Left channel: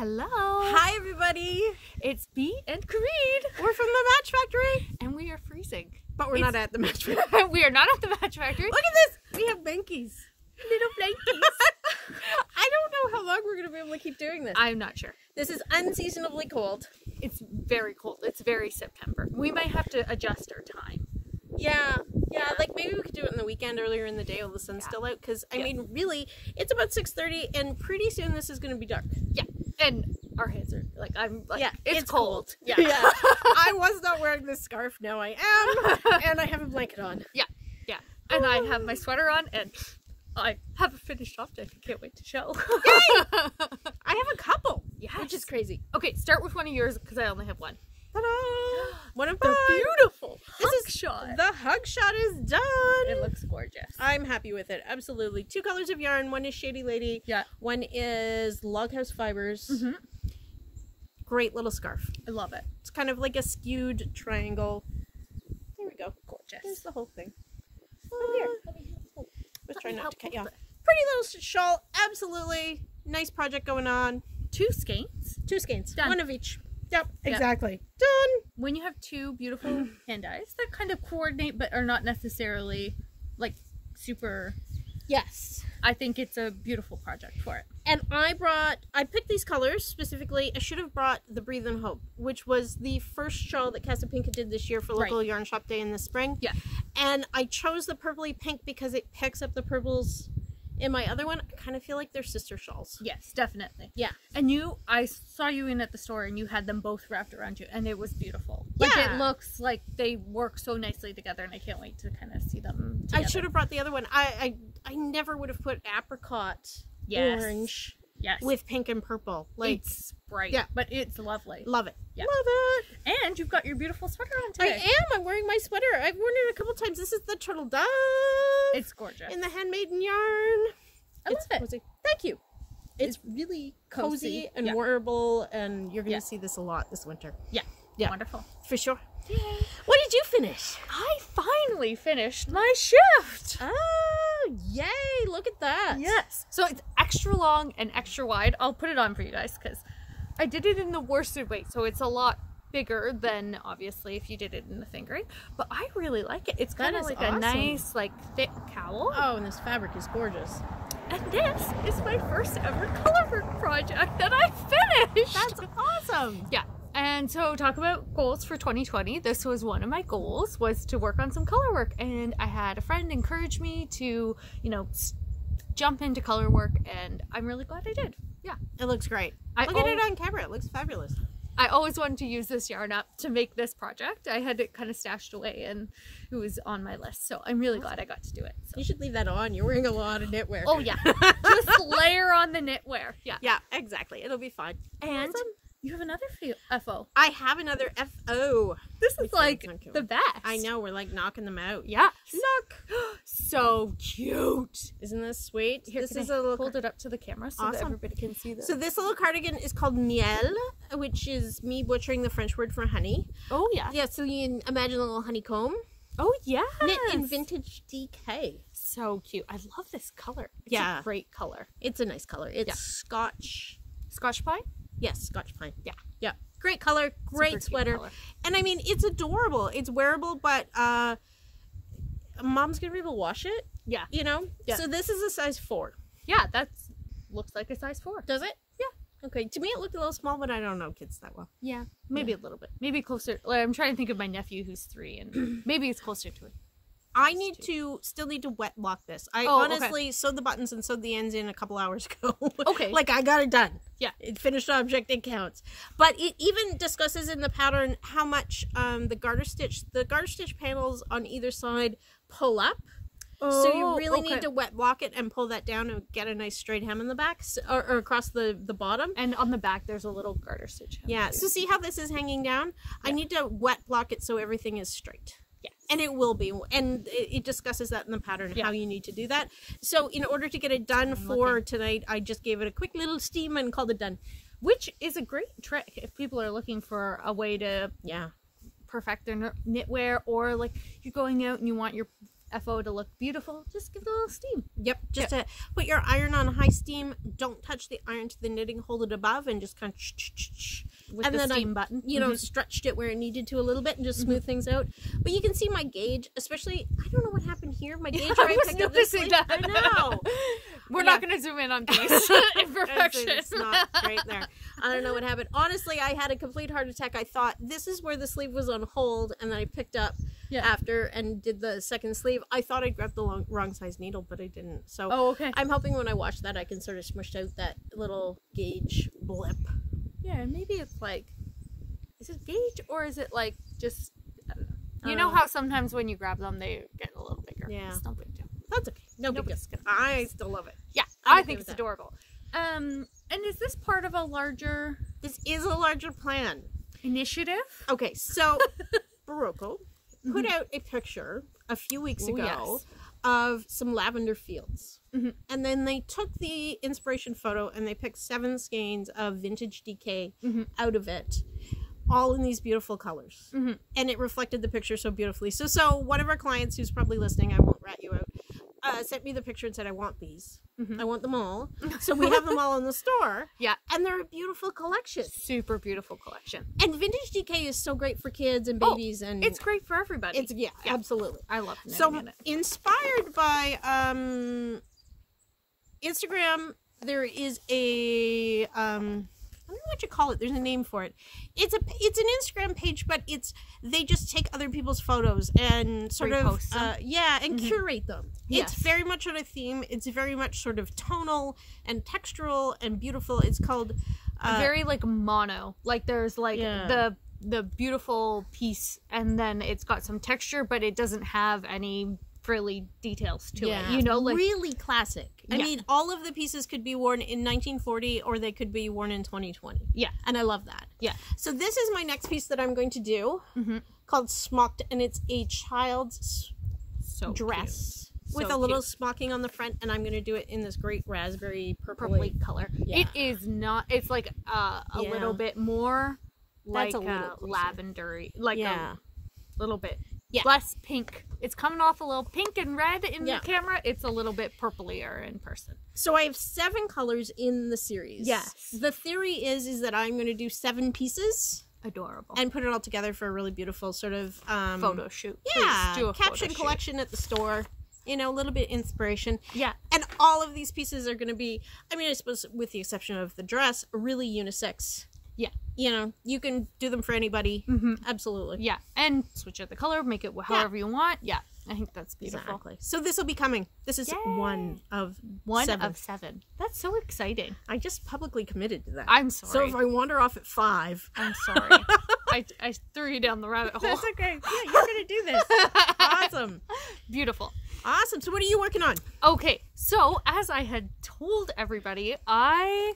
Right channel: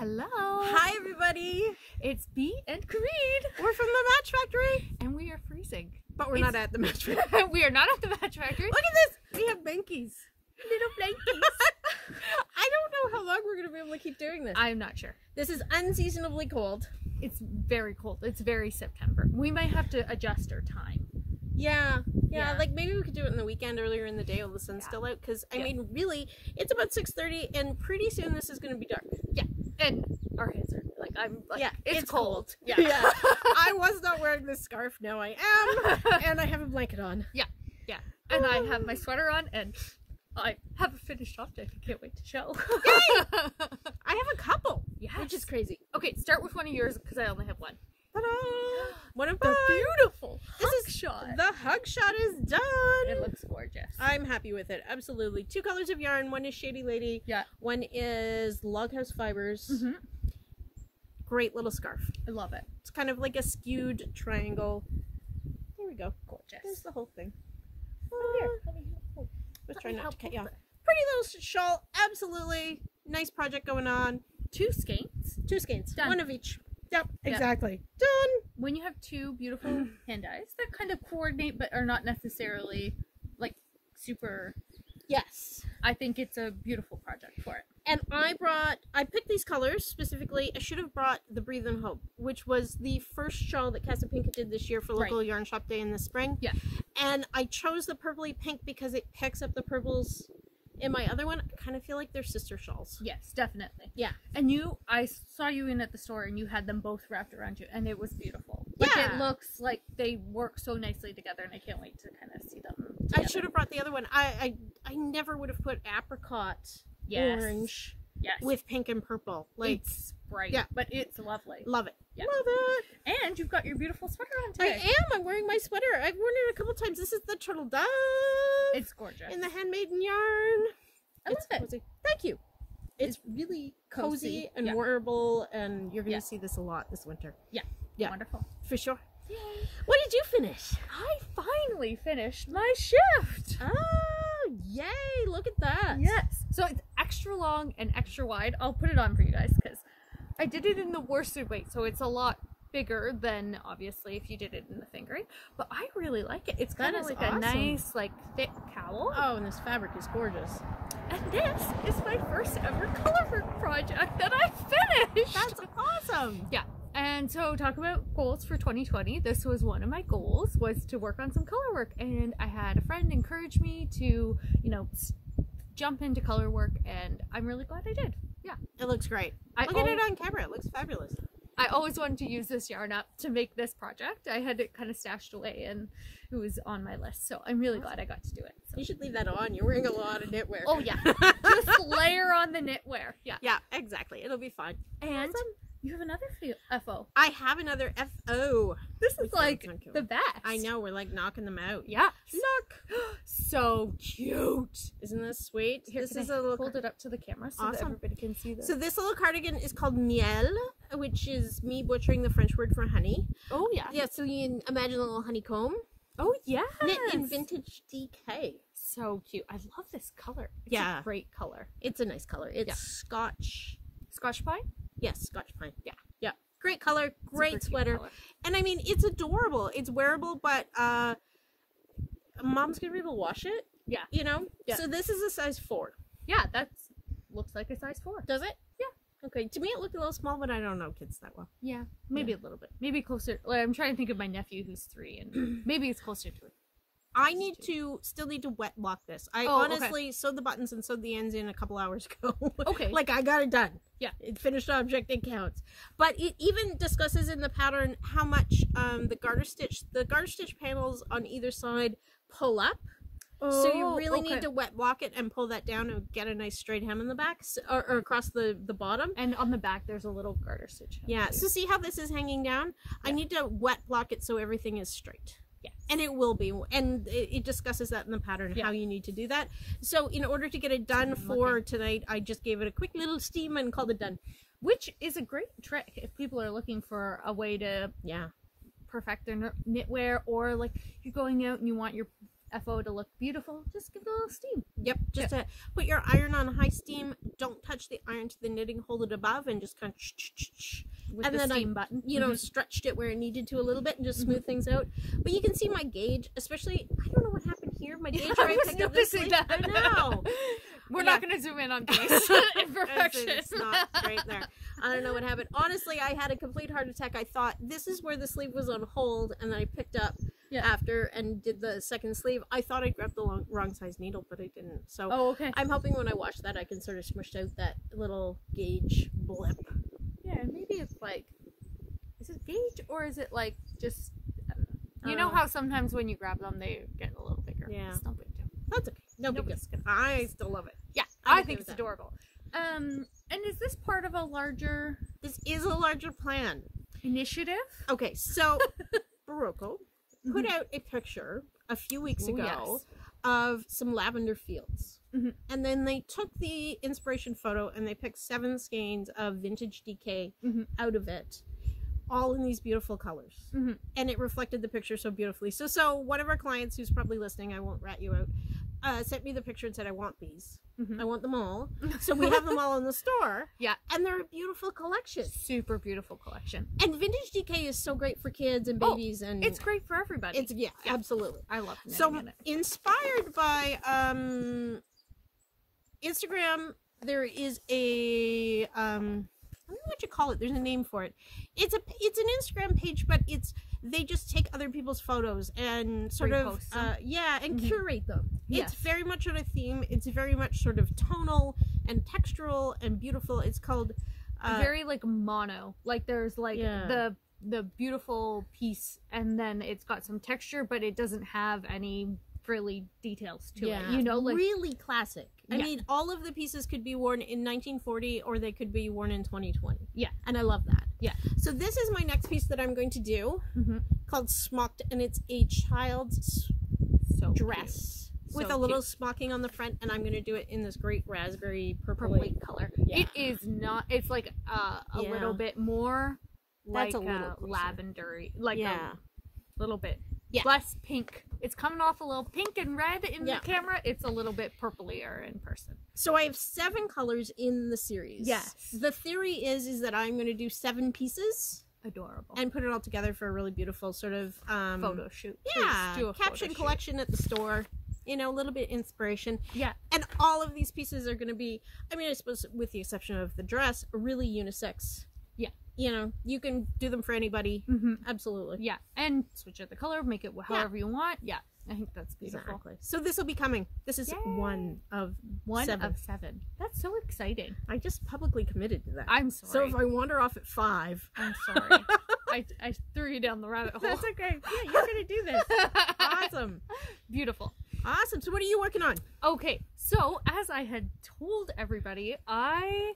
Hello. Hi, everybody. It's Bee and Creed. We're from the Match Factory. And we are freezing. But we're not at the Match Factory. We are not at the Match Factory. Look at this. We have blankies. Little blankies. I don't know how long we're going to be able to keep doing this. I'm not sure. This is unseasonably cold. It's very cold. It's very September. We might have to adjust our time. Yeah, like maybe we could do it in the weekend earlier in the day while the sun's still out, because I mean, really, it's about 6:30 and pretty soon this is going to be dark. Yeah, and our heads are like, I'm like, yeah, it's cold. Yeah. I was not wearing this scarf, now I am, and I have a blanket on. Yeah, and I have my sweater on, and I have a finished object I can't wait to show. Yay! I have a couple, which is crazy. Okay, start with one of yours because I only have one. Ta-da! One of the mine. Beautiful this hug is shot. The hug shot is done. It looks gorgeous. I'm happy with it. Absolutely. 2 colors of yarn. One is Shady Lady. Yeah. One is Loghouse Fibers. Mm-hmm. Great little scarf. I love it. It's kind of like a skewed triangle. There we go. Gorgeous. There's the whole thing. Let's try not to cut you off. Pretty little shawl. Absolutely. Nice project going on. 2 skeins. 2 skeins. Done. One of each. Yep, exactly. Done. When you have 2 beautiful hand dyes that kind of coordinate but are not necessarily like super. Yes. I think it's a beautiful project for it. And I picked these colors specifically. I should have brought the Breathe and Hope, which was the first shawl that Casapinka did this year for local yarn shop day in the spring. Yeah. And I chose the purpley pink because it picks up the purples in my other one. I kind of feel like they're sister shawls. Yes, definitely. Yeah. And I saw you in at the store and you had them both wrapped around you and it was beautiful. Like, yeah. It looks like they work so nicely together and I can't wait to kind of see them together. I should have brought the other one. I never would have put apricot orange with pink and purple. Like, it's bright. Yeah. But it's lovely. Love it. Yeah. Love it. And you've got your beautiful sweater on today. I am. I'm wearing my sweater. I've worn it a couple times. This is the Turtle Dove. It's gorgeous. In the handmaiden yarn. I love it. Cozy. Thank you. It's really cozy and wearable, and you're going to see this a lot this winter. Yeah. Wonderful. For sure. Yay. What did you finish? I finally finished my shift. Oh, yay. Look at that. Yes. So it's extra long and extra wide. I'll put it on for you guys because I did it in the worsted weight, so it's a lot bigger than obviously if you did it in the fingering, but I really like it. It's kind of like a nice, like, thick cowl. Oh, and this fabric is gorgeous. And this is my first ever colorwork project that I finished. That's awesome. Yeah. And so talk about goals for 2020. This was one of my goals, was to work on some color work, and I had a friend encourage me to, you know, jump into color work, and I'm really glad I did. Yeah. It looks great. Look at it on camera. It looks fabulous. I always wanted to use this yarn up to make this project. I had it kind of stashed away and it was on my list. So I'm really glad I got to do it. So. You should leave that on. You're wearing a lot of knitwear. Oh yeah. Just layer on the knitwear. Yeah. Yeah, exactly. It'll be fine. And you have another FO. I have another FO. This is like the best. I know. We're like knocking them out. Yeah. Look. So cute. Isn't this sweet? Here, this is a little. Hold it up to the camera so that everybody can see this. So this little cardigan is called Miel, which is me butchering the French word for honey. Oh yeah. Yeah. So you can imagine a little honeycomb. Oh yeah. Knit in vintage DK. So cute. I love this color. It's a great color. It's a nice color. It's Scotch pine? Yes, Scotch pine. Yeah. Yeah. Great color, great sweater. And I mean, it's adorable. It's wearable, but mom's going to be able to wash it. Yeah. You know? Yeah. So this is a size 4. Yeah, looks like a size 4. Does it? Yeah. Okay. To me, it looked a little small, but I don't know kids that well. Yeah. Maybe a little bit. Maybe closer. Like, I'm trying to think of my nephew who's 3, and maybe it's closer to it. I still need to wet block this. I honestly sewed the buttons and sewed the ends in a couple hours ago. Okay. Like, I got it done. Yeah. It finished object, it counts. But it even discusses in the pattern how much the garter stitch panels on either side pull up. Oh, so you really need to wet block it and pull that down and get a nice straight hem in the back, or across the bottom. And on the back there's a little garter stitch hem. Yeah. So see how this is hanging down? Yeah. I need to wet block it so everything is straight. Yes. And it will be. And it discusses that in the pattern, how you need to do that. So in order to get it done for tonight, I just gave it a quick little steam and called it done. Which is a great trick if people are looking for a way to perfect their knitwear, or like you're going out and you want your FO to look beautiful, just give it a little steam. Yep, just to put your iron on high steam. Don't touch the iron to the knitting, hold it above, and just kind of With and the then steam button. you know, stretched it where it needed to a little bit and just smooth things out. But you can see my gauge, especially, I don't know what happened here. My gauge where I picked up this sleeve. I know. We're not going to zoom in on this imperfection. It's not right there. I don't know what happened. Honestly, I had a complete heart attack. I thought this is where the sleeve was on hold, and then I picked up after and did the second sleeve. I thought I grabbed the wrong size needle, but I didn't. So I'm hoping when I wash that, I can sort of smush out that little gauge blip. Yeah, maybe it's like, is it gauge or is it like just, I don't know. You know how sometimes when you grab them, they get a little bigger. Yeah. It's no big deal. That's okay. No big deal. I still love it. Yeah, I think it's adorable. And is this part of a larger... This is a larger plan. Initiative? Okay, so Barocco put out a picture a few weeks ago of some lavender fields. And then they took the inspiration photo and they picked 7 skeins of vintage DK out of it, all in these beautiful colors. And it reflected the picture so beautifully. So one of our clients who's probably listening, I won't rat you out, sent me the picture and said, I want these. I want them all. So we have them all in the store. Yeah. And they're a beautiful collection. Super beautiful collection. And vintage DK is so great for kids and babies. And it's great for everybody. It's absolutely. I love it. So inspired by Instagram, there is a I don't know what you call it. There's a name for it. It's an Instagram page, but they just take other people's photos and sort of and curate them. It's very much on a theme. It's very much sort of tonal and textural and beautiful. It's called very like mono. Like there's like the beautiful piece, and then it's got some texture, but it doesn't have any frilly details to it. You know, like really classic. I mean, all of the pieces could be worn in 1940 or they could be worn in 2020. Yeah. And I love that. Yeah. So this is my next piece that I'm going to do called Smocked, and it's a child's dress with a little smocking on the front, and I'm going to do it in this great raspberry purpley color. Yeah. It is not, it's like a little bit more like a little lavendery, like a little bit less pink. It's coming off a little pink and red in the camera. It's a little bit purplier in person. So I have 7 colors in the series. Yes. The theory is that I'm going to do 7 pieces. Adorable. And put it all together for a really beautiful sort of photo shoot. Yeah. Do a caption collection at the store. You know, a little bit of inspiration. Yeah. And all of these pieces are going to be, I mean, I suppose with the exception of the dress, really unisex. Yeah. You know, you can do them for anybody. Absolutely. Yeah. And switch out the color, make it however you want. Yeah. I think that's beautiful. Exactly. So this will be coming. This is one of 7. That's so exciting. I just publicly committed to that. I'm sorry. So if I wander off at 5. I'm sorry. I threw you down the rabbit hole. That's okay. Yeah, you're going to do this. Awesome. Beautiful. Awesome. So what are you working on? Okay. So as I had told everybody, I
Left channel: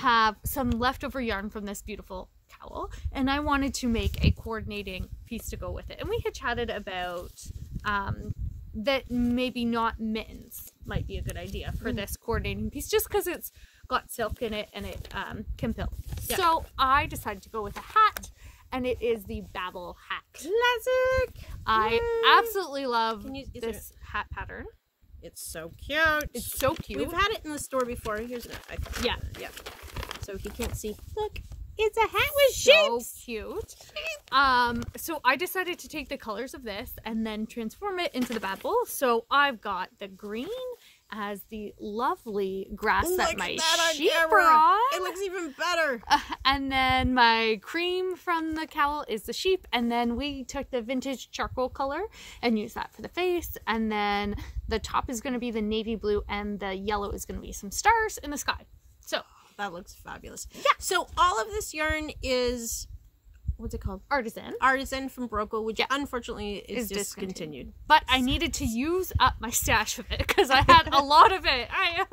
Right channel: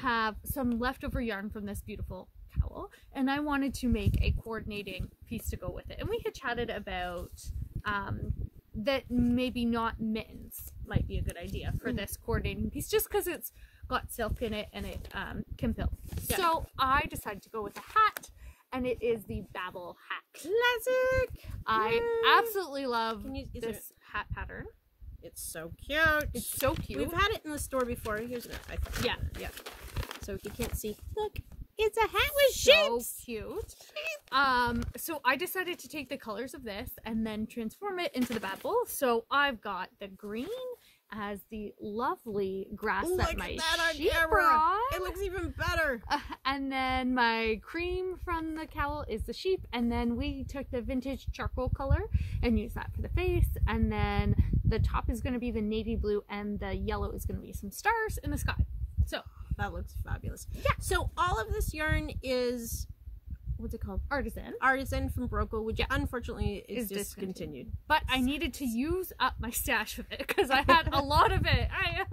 have some leftover yarn from this beautiful cowl, and I wanted to make a coordinating piece to go with it. And we had chatted about that maybe not mittens might be a good idea for this coordinating piece, just because it's got silk in it and it can pill. Yeah. So I decided to go with a hat, and it is the Baabble hat. Classic! I absolutely love this hat pattern. It's so cute. It's so cute. We've had it in the store before. Here's an yeah. So if you can't see, look, it's a hat with shapes. So cute. So I decided to take the colors of this and then transform it into the Baabble. So I've got the green as the lovely grass that my sheep brought. It looks even better. And then my cream from the cowl is the sheep. And then we took the vintage charcoal color and used that for the face. And then the top is going to be the navy blue, and the yellow is going to be some stars in the sky. So that looks fabulous. Yeah. So all of this yarn is, what's it called? Artisan from Barocco, which unfortunately is discontinued. But I needed to use up my stash of it because I had a lot of it. I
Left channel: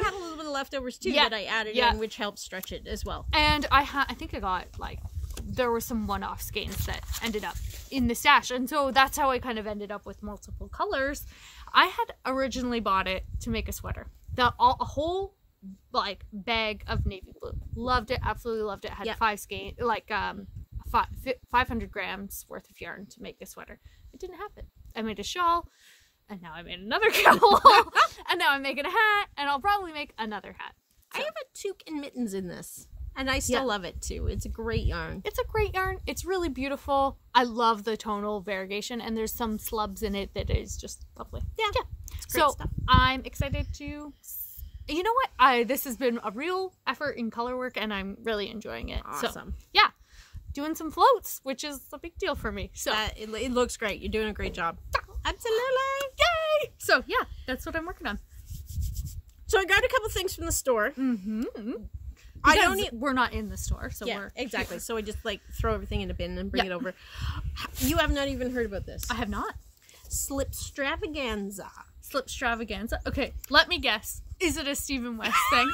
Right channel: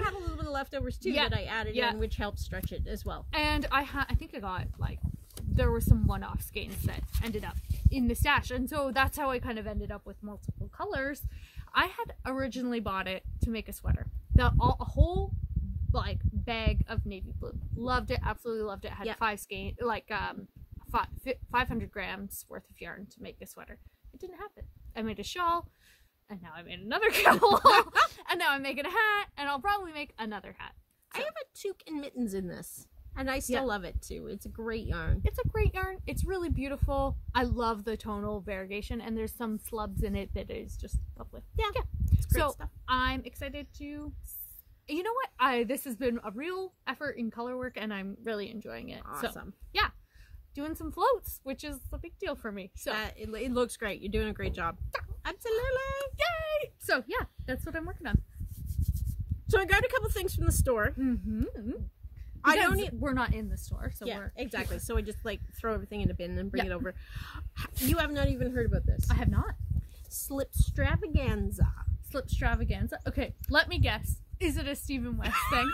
had a little bit of leftovers too that I added in, which helped stretch it as well. And I think I got there were some one-off skeins that ended up in the stash, and so that's how I kind of ended up with multiple colors. I had originally bought it to make a sweater. A whole bag of navy blue. Loved it, absolutely loved it. Had 500 grams worth of yarn to make a sweater. It didn't have it. I made a shawl, and now I made another cowl, and now I'm making a hat, and I'll probably make another hat. So. I have a toque and mittens in this. And I still love it too. It's a great yarn. It's a great yarn. It's really beautiful. I love the tonal variegation, and there's some slubs in it that is just lovely. Yeah. It's great stuff. I'm excited to, you know what? This has been a real effort in color work, and I'm really enjoying it. Awesome. So, yeah. Doing some floats, which is a big deal for me. So it looks great. You're doing a great job. Absolutely. Yay! So, yeah, that's what I'm working on. So I got a couple things from the store. We're not in the store, so we're exactly. So I just like throw everything in a bin and bring it over. You have not even heard about this. I have not. Slipstravaganza. Slipstravaganza. Okay, let me guess. Is it a Stephen West thing?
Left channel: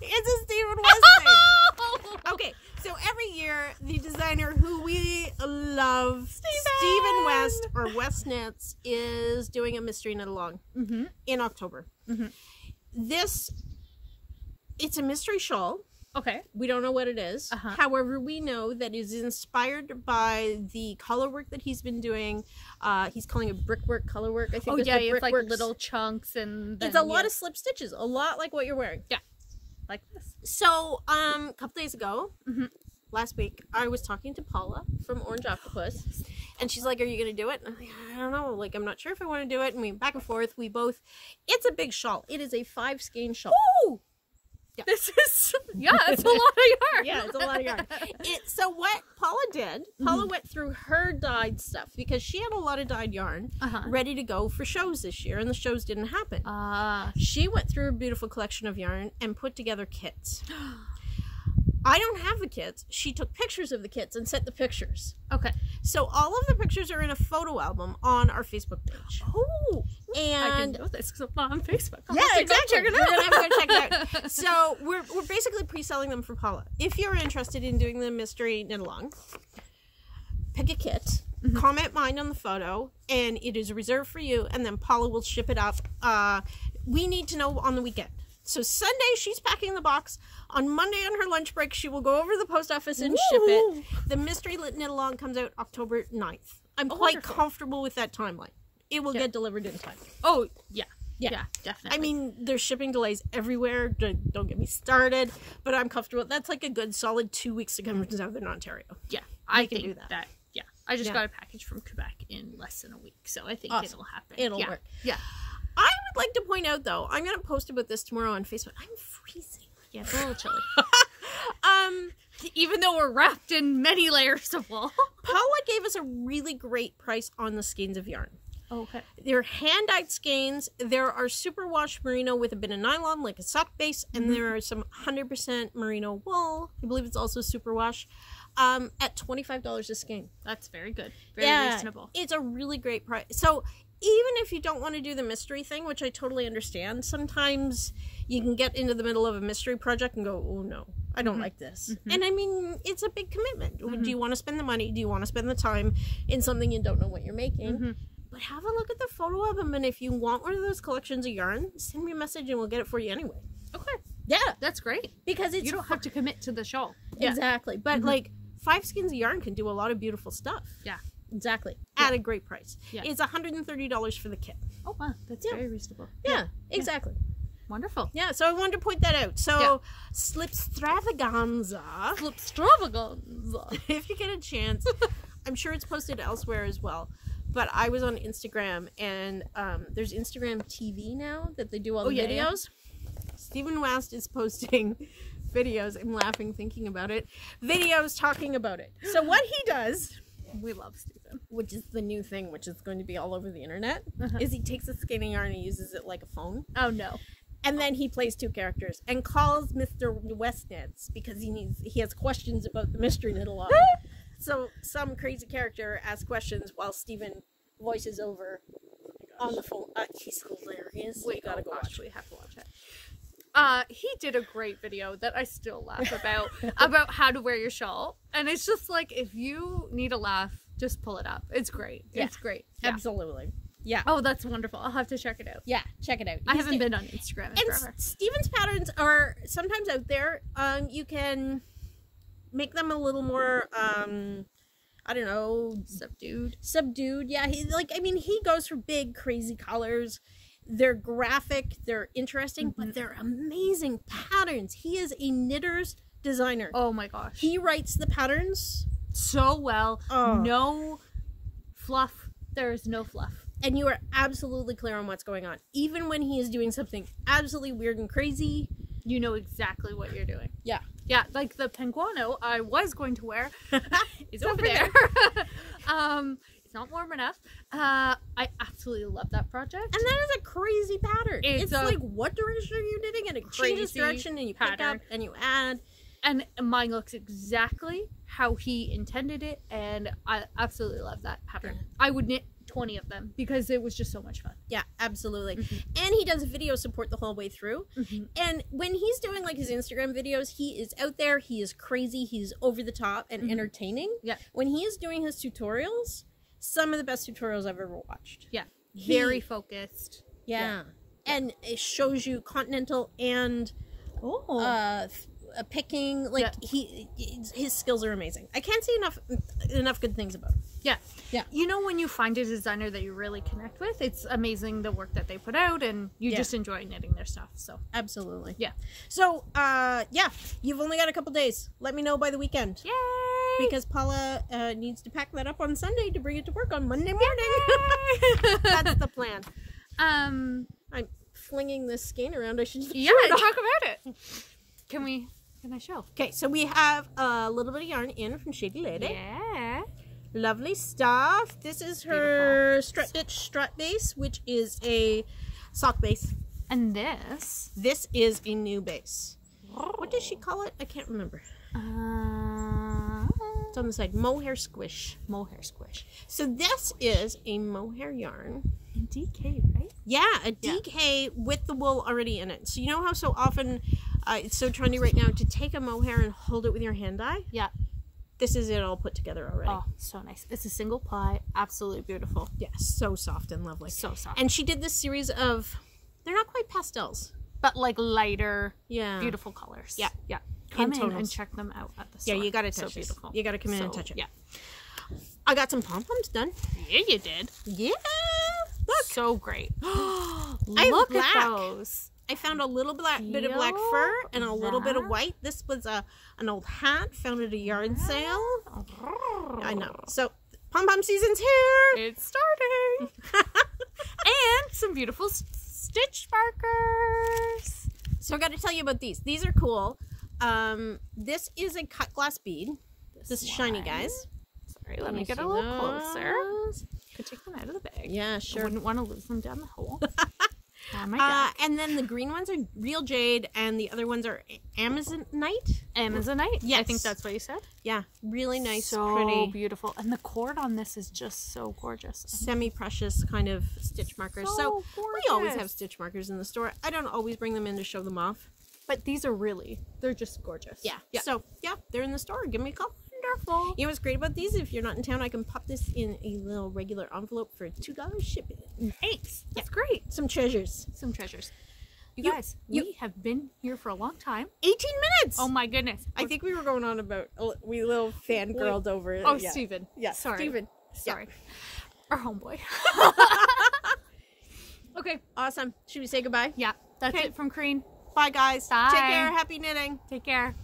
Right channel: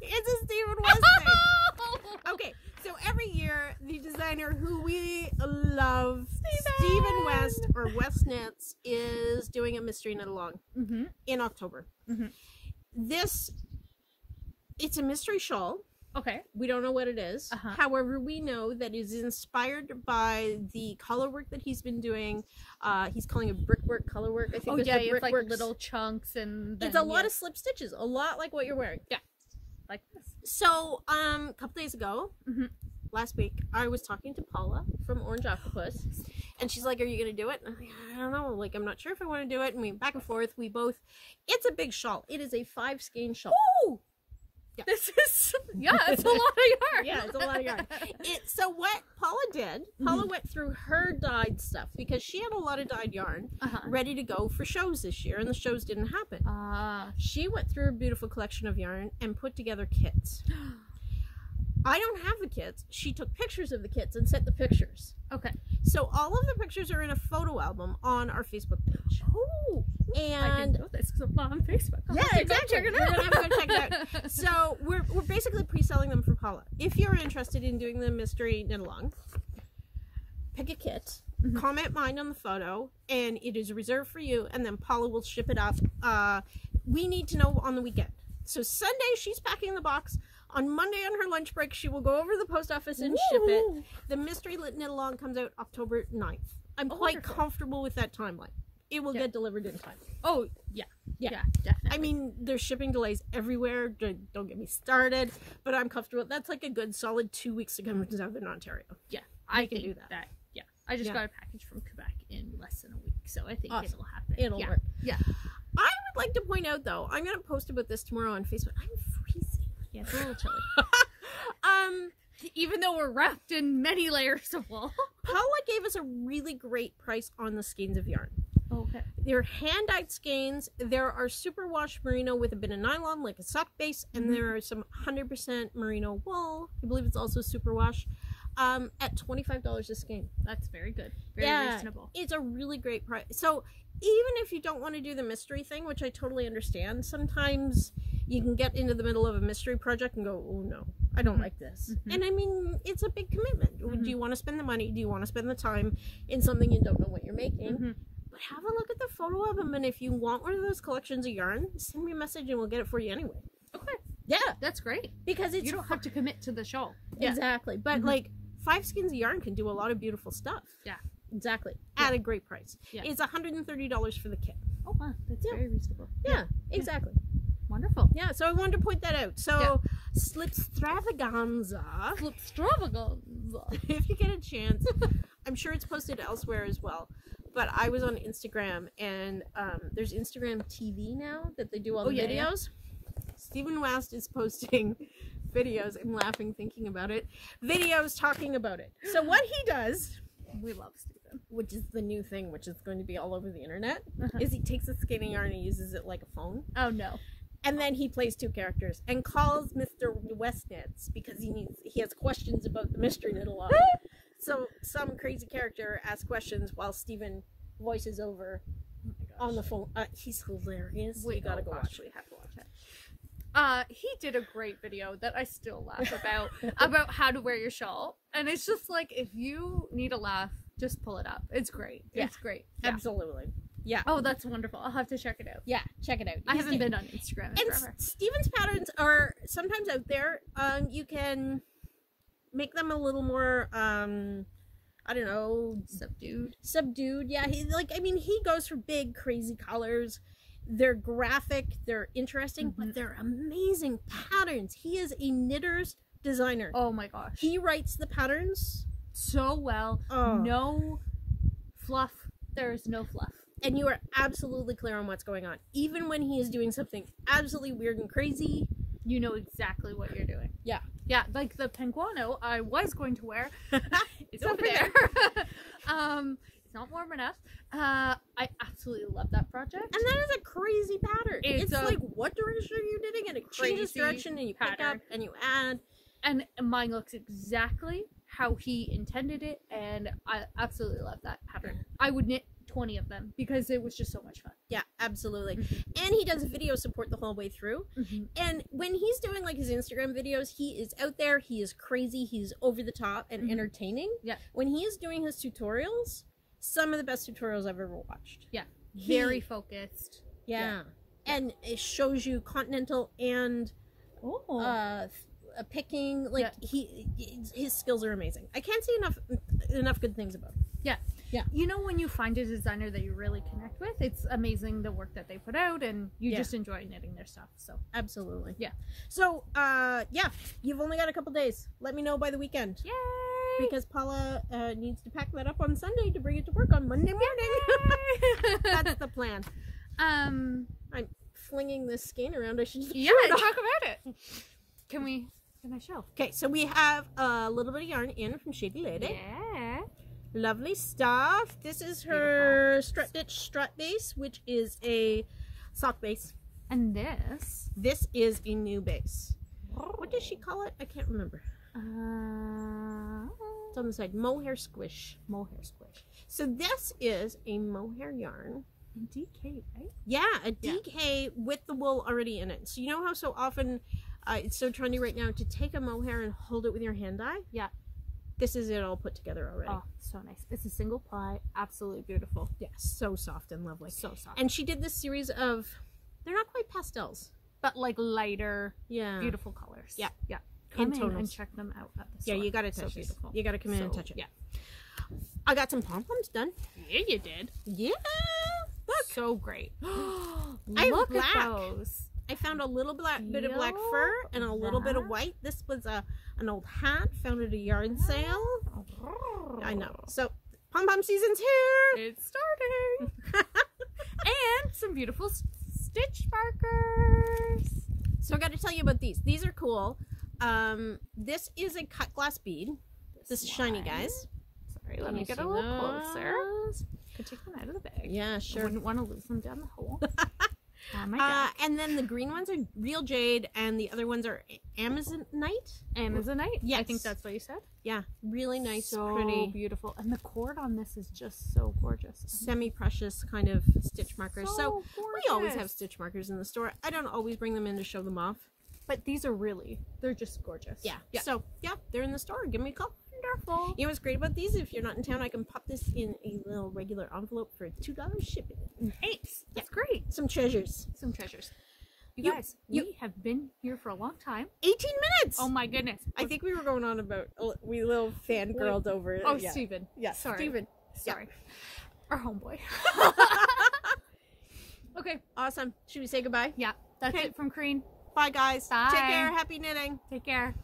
It's a Stephen West thing. Okay, so every year the designer who we love, Stephen West or West Knits, is doing a mystery knit along in October. It's a mystery shawl. Okay. We don't know what it is. However, we know that it is inspired by the color work that he's been doing. He's calling it brickwork color work. I think it's like little chunks, and then, it's a lot of slip stitches, a lot like what you're wearing. Yeah, like this. So, a couple days ago, last week, I was talking to Paula from Orange Octopus, and she's like, "Are you gonna do it?" And I'm like, "I don't know. Like, I'm not sure if I want to do it." And we went back and forth. It's a big shawl. It is a 5 skein shawl. Ooh! Yeah. This is, it's a lot of yarn. Yeah, it's a lot of yarn. So what Paula did, Paula went through her dyed stuff because she had a lot of dyed yarn ready to go for shows this year, and the shows didn't happen. She went through a beautiful collection of yarn and put together kits. I don't have the kits. She took pictures of the kits and sent the pictures. Okay. So all of the pictures are in a photo album on our Facebook page. Oh, and I didn't know this because I'm not on Facebook. Yeah, exactly. You're gonna have to go check it out. So we're basically pre-selling them for Paula. If you're interested in doing the mystery knit along, pick a kit, comment mine on the photo, and it is reserved for you. And then Paula will ship it up. We need to know on the weekend. So Sunday she's packing the box. On Monday on her lunch break, she will go over to the post office and ship it. The mystery knit along comes out October 9th. I'm quite comfortable with that timeline. It will get delivered in time. Oh, yeah, definitely. I mean, there's shipping delays everywhere. Don't get me started. But I'm comfortable. That's like a good solid 2 weeks to come from Southern Ontario. Yeah, I can do that. Yeah, I just got a package from Quebec in less than a week, so I think it'll happen. It'll work. Yeah. I would like to point out, though, I'm going to post about this tomorrow on Facebook. I'm freezing. Yeah, it's a little chilly. Even though we're wrapped in many layers of wool. Paula gave us a really great price on the skeins of yarn. Okay. They're hand-dyed skeins. There are superwash merino with a bit of nylon, like a sock base, and there are some 100% merino wool. I believe it's also superwash. At $25 a skein. That's very good. Very reasonable. It's a really great price. So even if you don't want to do the mystery thing, which I totally understand, sometimes you can get into the middle of a mystery project and go, oh no, I don't like this. And I mean, it's a big commitment. Do you want to spend the money? Do you want to spend the time in something you don't know what you're making? But have a look at the photo album, and if you want one of those collections of yarn, send me a message and we'll get it for you anyway. Okay. Yeah. That's great. Because it's... You don't have to commit to the shawl. Exactly. But like, 5 skeins of yarn can do a lot of beautiful stuff. Yeah. Exactly. At a great price. Yeah. It's $130 for the kit. Oh, wow. That's very reasonable. Yeah, exactly. Wonderful. Yeah, so I wanted to point that out. So, Slipstravaganza. Slipstravaganza. If you get a chance, I'm sure it's posted elsewhere as well. But I was on Instagram, and there's Instagram TV now that they do all the videos. Stephen West is posting videos. I'm laughing thinking about it. Videos talking about it. So what he does... We love Stephen. Which is the new thing, which is going to be all over the internet, is he takes a skein of yarn and he uses it like a phone. Oh, no. And then he plays 2 characters and calls Mr. West Knits because he has questions about the mystery knit along. So some crazy character asks questions while Stephen voices over on the phone. He's hilarious. We gotta go watch it. We have to watch it. He did a great video that I still laugh about how to wear your shawl. And it's just like, if you need a laugh, just pull it up. It's great. Yeah. It's great. Yeah. Absolutely. Yeah. Oh, that's wonderful. I'll have to check it out. Yeah, check it out. I haven't been on Instagram in forever. Stephen's patterns are sometimes out there. You can make them a little more I don't know, subdued. Yeah, he goes for big, crazy colors. They're graphic, they're interesting, but they're amazing patterns. He is a knitter's designer. Oh my gosh. He writes the patterns so well. No fluff. There's no fluff. And you are absolutely clear on what's going on. Even when he is doing something absolutely weird and crazy, you know exactly what you're doing. Yeah. Yeah, like the penguano I was going to wear is over there. It's not warm enough. I absolutely love that project. And that is a crazy pattern. It's like, what direction are you knitting? And it changes direction, and you pick up and you add. And mine looks exactly how he intended it, and I absolutely love that pattern. Yeah. I would knit 20 of them because it was just so much fun. Yeah, absolutely. And he does video support the whole way through. And when he's doing like his Instagram videos, he is out there, he is crazy, he's over the top and entertaining. Yeah. When he is doing his tutorials, some of the best tutorials I've ever watched. Yeah. Very focused. Yeah. And it shows you continental and picking, like his skills are amazing. I can't say enough good things about him. Yeah. Yeah. You know, when you find a designer that you really connect with, it's amazing the work that they put out, and you just enjoy knitting their stuff. So absolutely. Yeah. So you've only got a couple days. Let me know by the weekend. Yay! Because Paula needs to pack that up on Sunday to bring it to work on Monday morning. That's the plan. I'm flinging this skein around. I should talk about it. Can I show? Okay, so we have a little bit of yarn in from Shady Lady. Yeah. Lovely stuff. This is her strut stitch strut base, which is a sock base. And this is a new base. What does she call it? I can't remember. It's on the side. Mohair squish. Mohair squish. So this is a mohair yarn. In DK, right? Yeah, a DK with the wool already in it. So you know how so often it's so trendy right now to take a mohair and hold it with your hand dye? Yeah. This is it all put together already. Oh, so nice. It's a single ply. Absolutely beautiful. Yeah, so soft and lovely. So soft. And she did this series of, they're not quite pastels, but like lighter, beautiful colors. Yeah. Yeah. Come in and check them out at the store. Yeah, you got to touch it. You got to come in and touch it. Yeah. I got some pom-poms done. Yeah, you did. Yeah. Look. So great. Look at those. I found a little bit of black fur and a little bit of white. This was an old hat found at a yard sale. I know. So pom-pom season's here. It's starting. And some beautiful stitch markers. So I got to tell you about these. These are cool. This is a cut glass bead. This is shiny, guys. Sorry, let me get a little closer. Could take them out of the bag. Yeah, sure. I wouldn't want to lose them down the hole. Oh my God. And then the green ones are real jade, and the other ones are Amazonite. Amazonite? Yes. I think that's what you said. Yeah, really nice, so pretty, beautiful. And the cord on this is just so gorgeous. Semi-precious kind of stitch markers. So we always have stitch markers in the store. I don't always bring them in to show them off. But these are they're just gorgeous. Yeah. So, yeah, they're in the store. Give me a call. Wonderful. You know what's great about these? If you're not in town, I can pop this in a little regular envelope for $2 shipping. Thanks. That's great. Some treasures. You guys, we have been here for a long time. 18 minutes! Oh my goodness. I think we were going on about, we little fangirled over it. Oh, yeah. Steven. Yeah, sorry. Steven. Sorry. Yeah. Our homeboy. Okay. Awesome. Should we say goodbye? Yeah. That's it from Crean. Bye, guys. Bye. Take care. Happy knitting. Take care.